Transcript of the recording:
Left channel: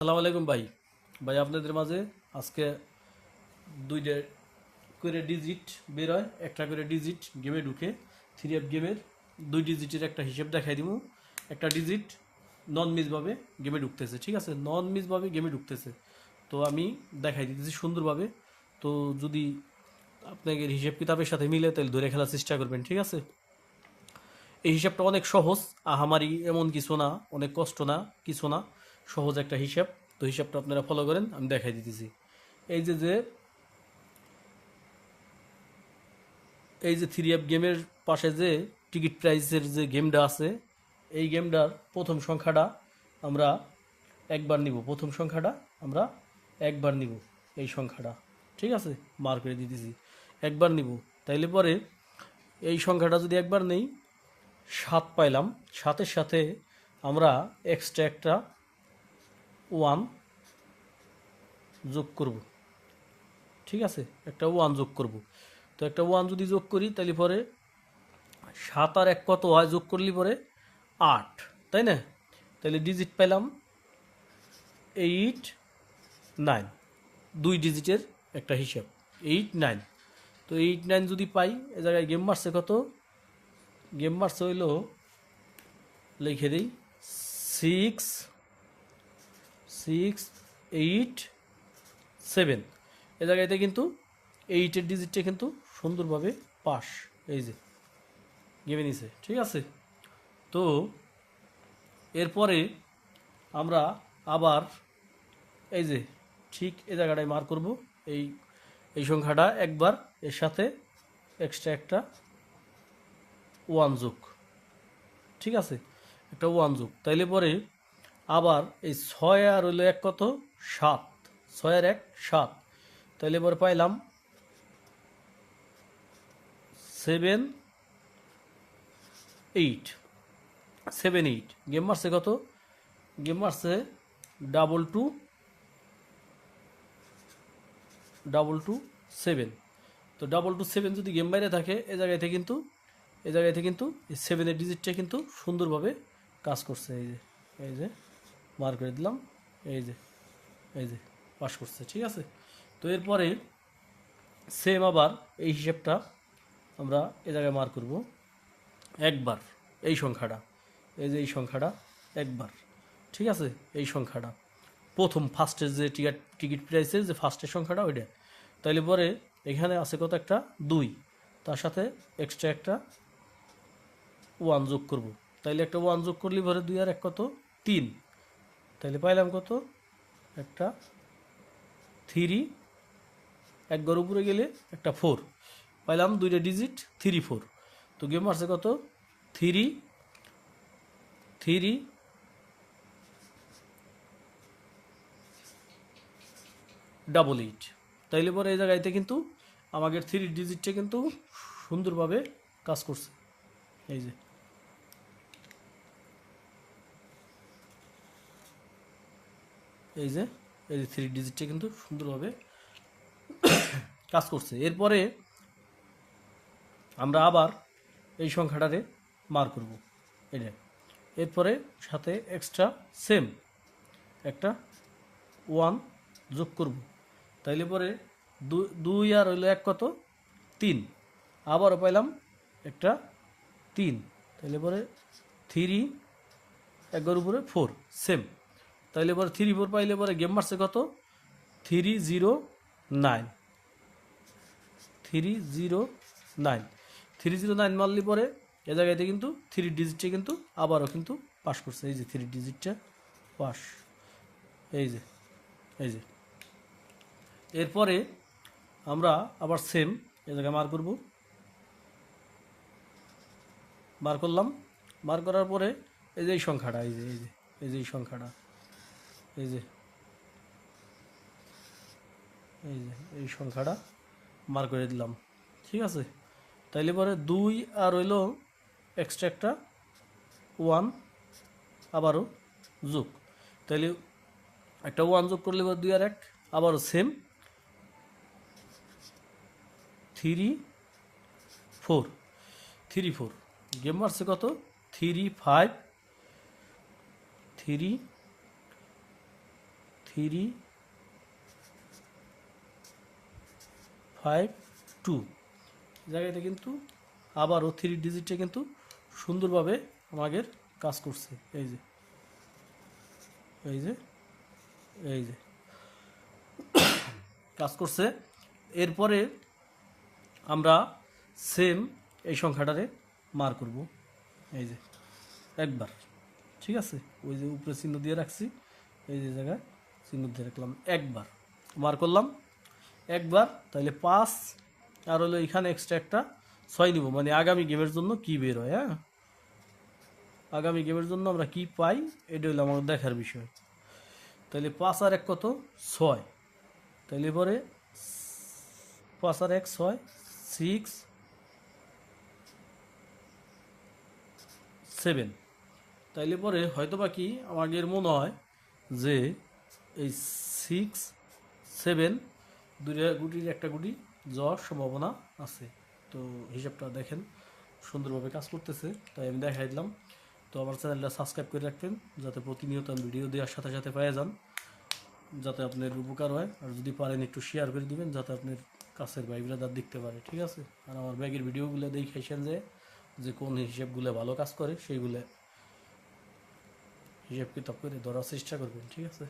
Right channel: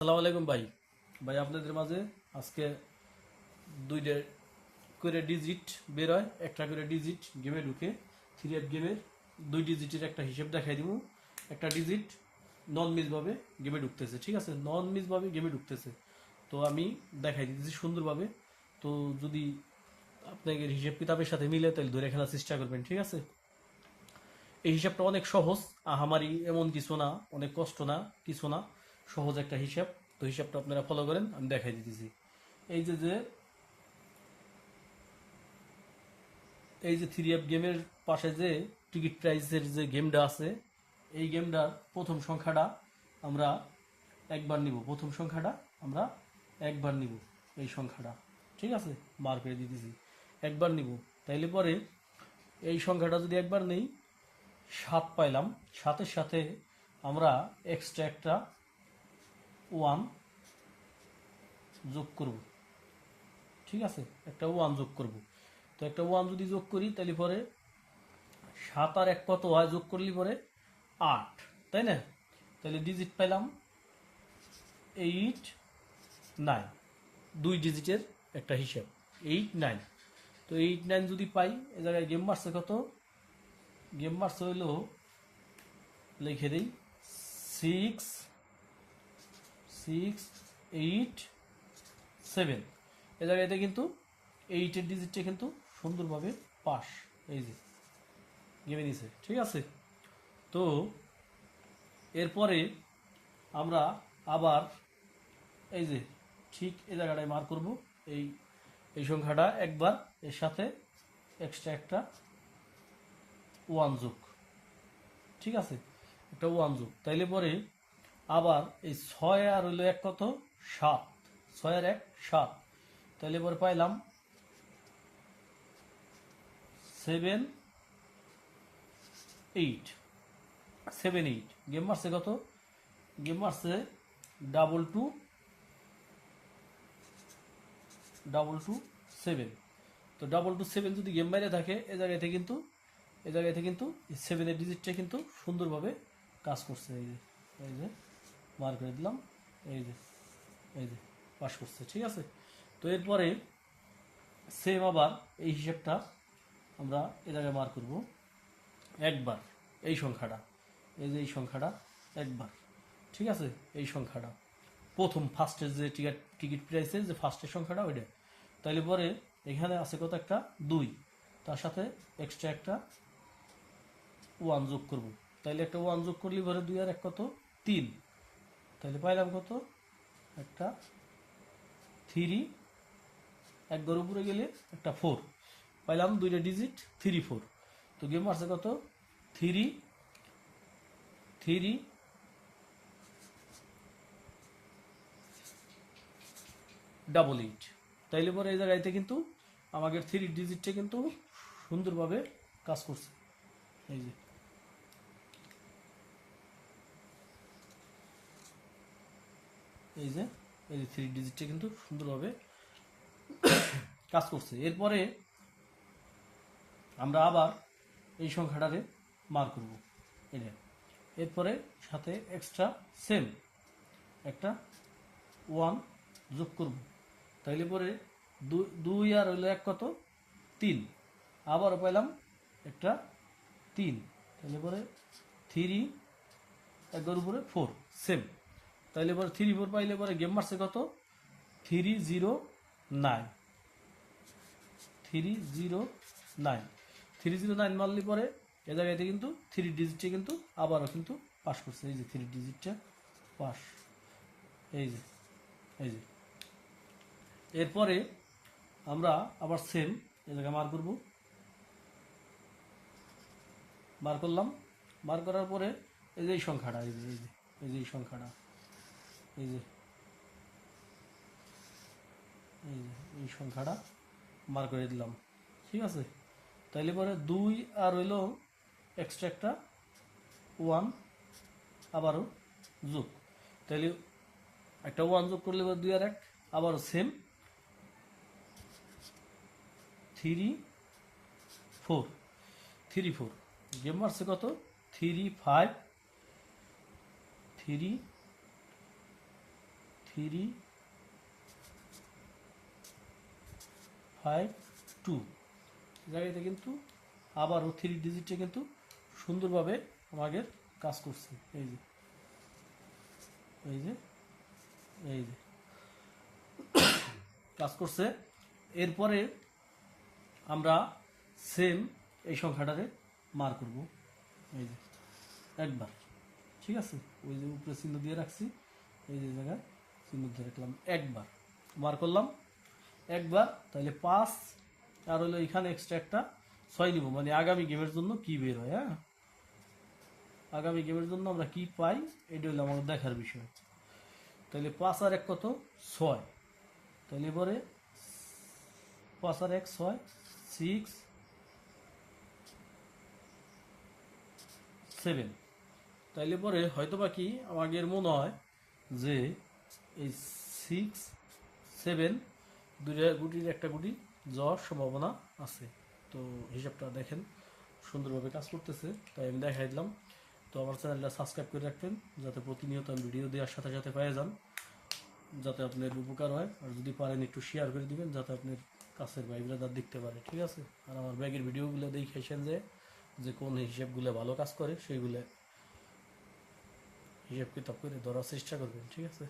আসসালামু আলাইকুম ভাই। ভাই আপনাদের মাঝে আজকে দুইটা করে ডিজিট বের হয়, একটা করে ডিজিট গেমে ঢুকে। থ্রি এফ গেমের দুই ডিজিটের একটা হিসেব দেখাই দিব। একটা ডিজিট নন মিসভাবে গেমে ঢুকতেছে, ঠিক আছে? নন মিসভাবে গেমে ঢুকতেছে, তো আমি দেখাই দিতেছি সুন্দরভাবে। তো যদি আপনাদের হিসেব কিতাবের সাথে মিলে তাহলে ধরে খেলার চেষ্টা করবেন, ঠিক আছে? এই হিসাবটা অনেক সহজ, আহামারি এমন কিছু না, অনেক কষ্ট না, কিছু না, সহজ একটা হিসাব। তো হিসাবটা আপনারা ফলো করেন, আমি দেখাই দিতেছি। এই যে যে এই যে থ্রি এফ গেমের পাশে যে টিকিট প্রাইসের যে গেমটা আছে, এই গেমটার প্রথম সংখ্যাটা আমরা একবার নিব। প্রথম সংখ্যাটা আমরা একবার নিব, এই সংখ্যাটা, ঠিক আছে? মার করে দিতেছি, একবার নিব। তাইলে পরে এই সংখ্যাটা যদি একবার নেই, 7 পাইলাম। 7-এর সাথে আমরা এক্সট্রা একটা 1 যোগ করব, ঠিক আছে? একটা 1 যোগ করব। তো একটা 1 যদি যোগ করি তাহলে পরে 7 আর 1 কত হয়? যোগ করলে পরে 8, তাই না? তাহলে ডিজিট পাইলাম 8, 9। দুই ডিজিটের একটা হিসাব, 8, 9। তো 8, 9 যদি পাই, এ জায়গায় গেম মারছে কত? গেম মারছে হইল, লিখে দিই, 6, 6, 8, 7। এ জায়গাতে কিন্তু 8-এর ডিজিটটা কিন্তু সুন্দরভাবে পাস, এই যে গেমে নিছে, ঠিক আছে? তো এরপরে আমরা আবার এই যে ঠিক এই জায়গাটায় মার করব। এই এই সংখ্যাটা একবার, এর সাথে এক্সট্রা একটা 1 যোগ, ঠিক আছে? একটা 1 যোগ, তাইলে পরে আবার এই 6 আর হইলো 1 কত? 7। 6 আর 1 7। তাইলে পরে পাইলাম 7, 8। 7, 8। গেম মারছে কত? গেম মারছে ডাবল টু, ডাবল টু 7। তো ডাবল টু 7 যদি গেম বাইরে থাকে, এ জায়গাতে কিন্তু এই 7-এর ডিজিটটা কিন্তু সুন্দরভাবে কাজ করছে। এই যে, এই যে মার করে দিলাম, এই যে, এই যে পাস করছে, ঠিক আছে? তো এরপরে সেম আবার এই হিসেবটা আমরা এ জায়গায় মার করব একবার। এই সংখ্যাটা, এই যে এই সংখ্যাটা একবার, ঠিক আছে? এই সংখ্যাটা প্রথম ফার্স্টের যে টিকিট প্রাইসের যে ফার্স্টের সংখ্যাটা ওইটা। তাইলে পরে এখানে আছে কত? একটা 2, তার সাথে এক্সট্রা একটা 1 যোগ করব। তাইলে একটা 1 যোগ করলে পরে 2 আর 1 কত? 3। তাইলে পাইলাম কত? একটা 3, একবার উপরে গেলে একটা 4 পাইলাম, দুইটা ডিজিট 3, 4। তো গেম আছে কত? 3, 3, 888। তাইলে পরে এই জায়গাতে কিন্তু আমাদের 3 ডিজিটটা কিন্তু সুন্দরভাবে কাজ করছে। এই যে, এই যে, এই যে 3 ডিজিটটা কিন্তু সুন্দরভাবে কাজ করছে। এরপরে আমরা আবার এই সংখ্যাটারে মার করব, এটা। এরপরে সাথে এক্সট্রা সেম একটা 1 যোগ করব। তাইলে পরে 2 আর হইলো 1 কত? 3। আবারও পাইলাম একটা 3। তাইলে পরে 3, একবার উপরে 4 সেম। তাইলে পরে 3, 4 পাইলে পরে গেম মারছে কত? 309। 309, 309 মারলে পরে এ জায়গাতে কিন্তু 3 ডিজিটটা কিন্তু আবারও কিন্তু পাস করছে। এই যে 3 ডিজিটটা পাস, এই যে, এই যে। এরপরে আমরা আবার সেম এ জায়গায় মার করব, মার করলাম। মার করার পরে এই যে এই সংখ্যাটা, এই যে, এই যে, এই যে এই সংখ্যাটা, এই যে, এই যে এই সংখ্যাটা মার করে দিলাম, ঠিক আছে? তাইলে পরে 2 আর হইলো এক্সট্রা একটা 1 আবারও যোগ। তাইলে একটা 1 যোগ করলে 2 আর 1 আবারও সেম 3, 4। 3, 4 গেম মারছে কত? 3, 5, 3, 3 5 2 জায়গাতে কিন্তু আবারও 3 ডিজিটে কিন্তু সুন্দরভাবে আমাদের কাজ করছে। এই যে এই যে এই যে কাজ করছে। এরপরে আমরা সেম এই সংখ্যাটারে মার করব, এই যে একবার, ঠিক আছে। ওই যে উপরে চিহ্ন দিয়ে রাখছি, এই যে জায়গায় চিহ্ন দিয়ে রাখলাম, একবার মার করলাম একবার। তাহলে 5 আর হলো এখানে এক্সট্রা একটা 6 নিব, মানে আগামী গেমের জন্য কি বের হয়। হ্যাঁ, আগামী গেমের জন্য আমরা কি পাই এটা হলো আমাদের দেখার বিষয়। তাহলে 5 আর 1 কত, 6। তাহলে পরে 5 আর 1 6, 6 7। তাইলে পরে হয়তো বা কি আমাদের মনে হয় যে এই 6 7 দুইটা গুটির একটা গুটি যাওয়ার সম্ভাবনা আছে। তো হিসাবটা দেখেন সুন্দরভাবে কাজ করতেছে, তাই আমি দেখাই দিলাম। তো আমার চ্যানেলটা সাবস্ক্রাইব করে রাখবেন, যাতে প্রতিনিয়ত আমি ভিডিও দেওয়ার সাথে সাথে পেয়ে যান, যাতে আপনার উপকার হয়। আর যদি পারেন একটু শেয়ার করে দিবেন, যাতে আপনার কাছের ভাইগুলো তার দেখতে পারে, ঠিক আছে। আর আমার ব্যাগের ভিডিওগুলো দেখেছেন যে কোন হিসেবগুলো ভালো কাজ করে সেইগুলো হিসাব কিতাব করে ধরার চেষ্টা করবেন, ঠিক আছে।